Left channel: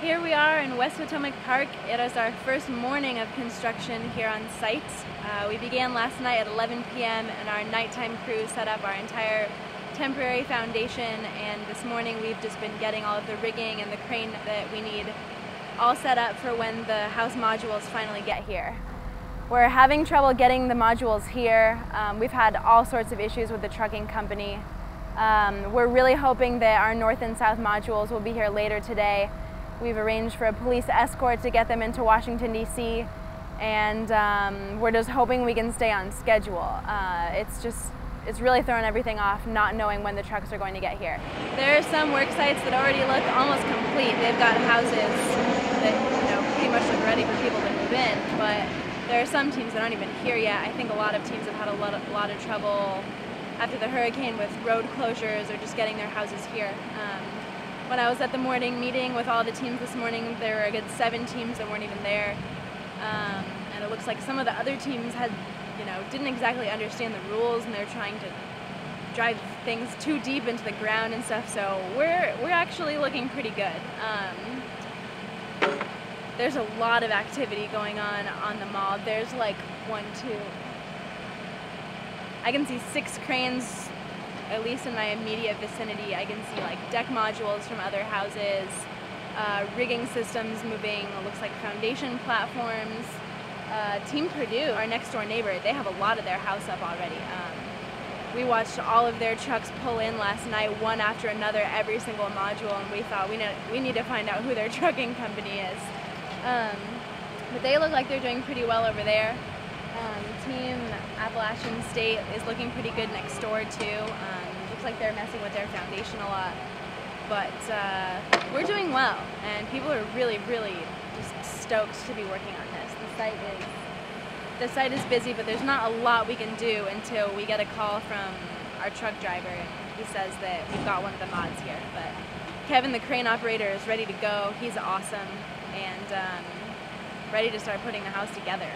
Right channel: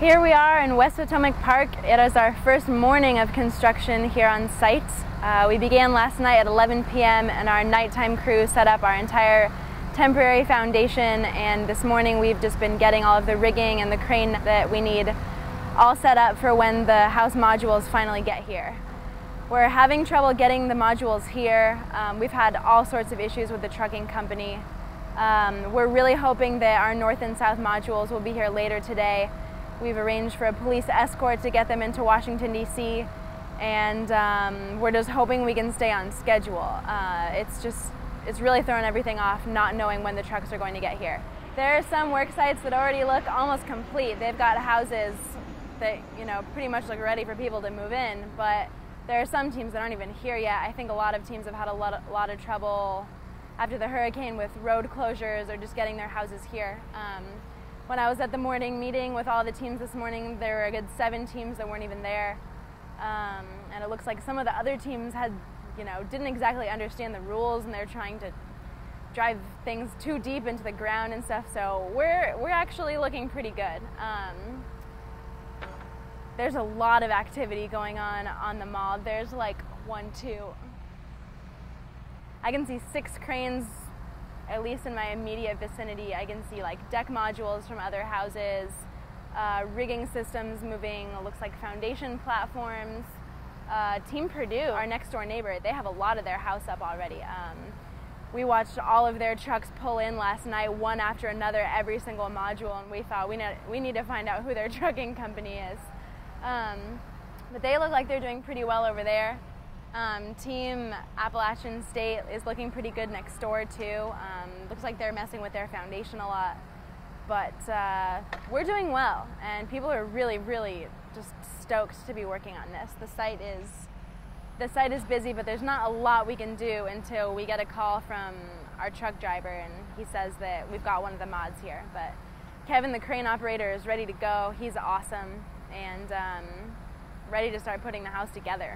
Here we are in West Potomac Park. It is our first morning of construction here on site. We began last night at 11 p.m. and our nighttime crew set up our entire temporary foundation, and this morning we've just been getting all of the rigging and the crane that we need all set up for when the house modules finally get here. We're having trouble getting the modules here. We've had all sorts of issues with the trucking company. We're really hoping that our north and south modules will be here later today. We've arranged for a police escort to get them into Washington, D.C., and we're just hoping we can stay on schedule. It's really thrown everything off, not knowing when the trucks are going to get here. There are some work sites that already look almost complete. They've got houses that pretty much look ready for people to move in, but there are some teams that aren't even here yet. I think a lot of teams have had a lot of trouble after the hurricane with road closures or just getting their houses here. When I was at the morning meeting with all the teams this morning, there were a good 7 teams that weren't even there. And it looks like some of the other teams didn't exactly understand the rules, and they're trying to drive things too deep into the ground and stuff, so we're actually looking pretty good. There's a lot of activity going on the mall. There's like I can see 6 cranes, at least in my immediate vicinity. I can see like deck modules from other houses, rigging systems moving, looks like foundation platforms. Team Purdue, our next door neighbor, they have a lot of their house up already. We watched all of their trucks pull in last night, one after another, every single module, and we thought we need to find out who their trucking company is. But they look like they're doing pretty well over there. Team Appalachian State is looking pretty good next door too. Looks like they're messing with their foundation a lot. But we're doing well, and people are really, really just stoked to be working on this. The site is busy, but there's not a lot we can do until we get a call from our truck driver, and he says that we've got one of the mods here. But Kevin, the crane operator, is ready to go. He's awesome and ready to start putting the house together.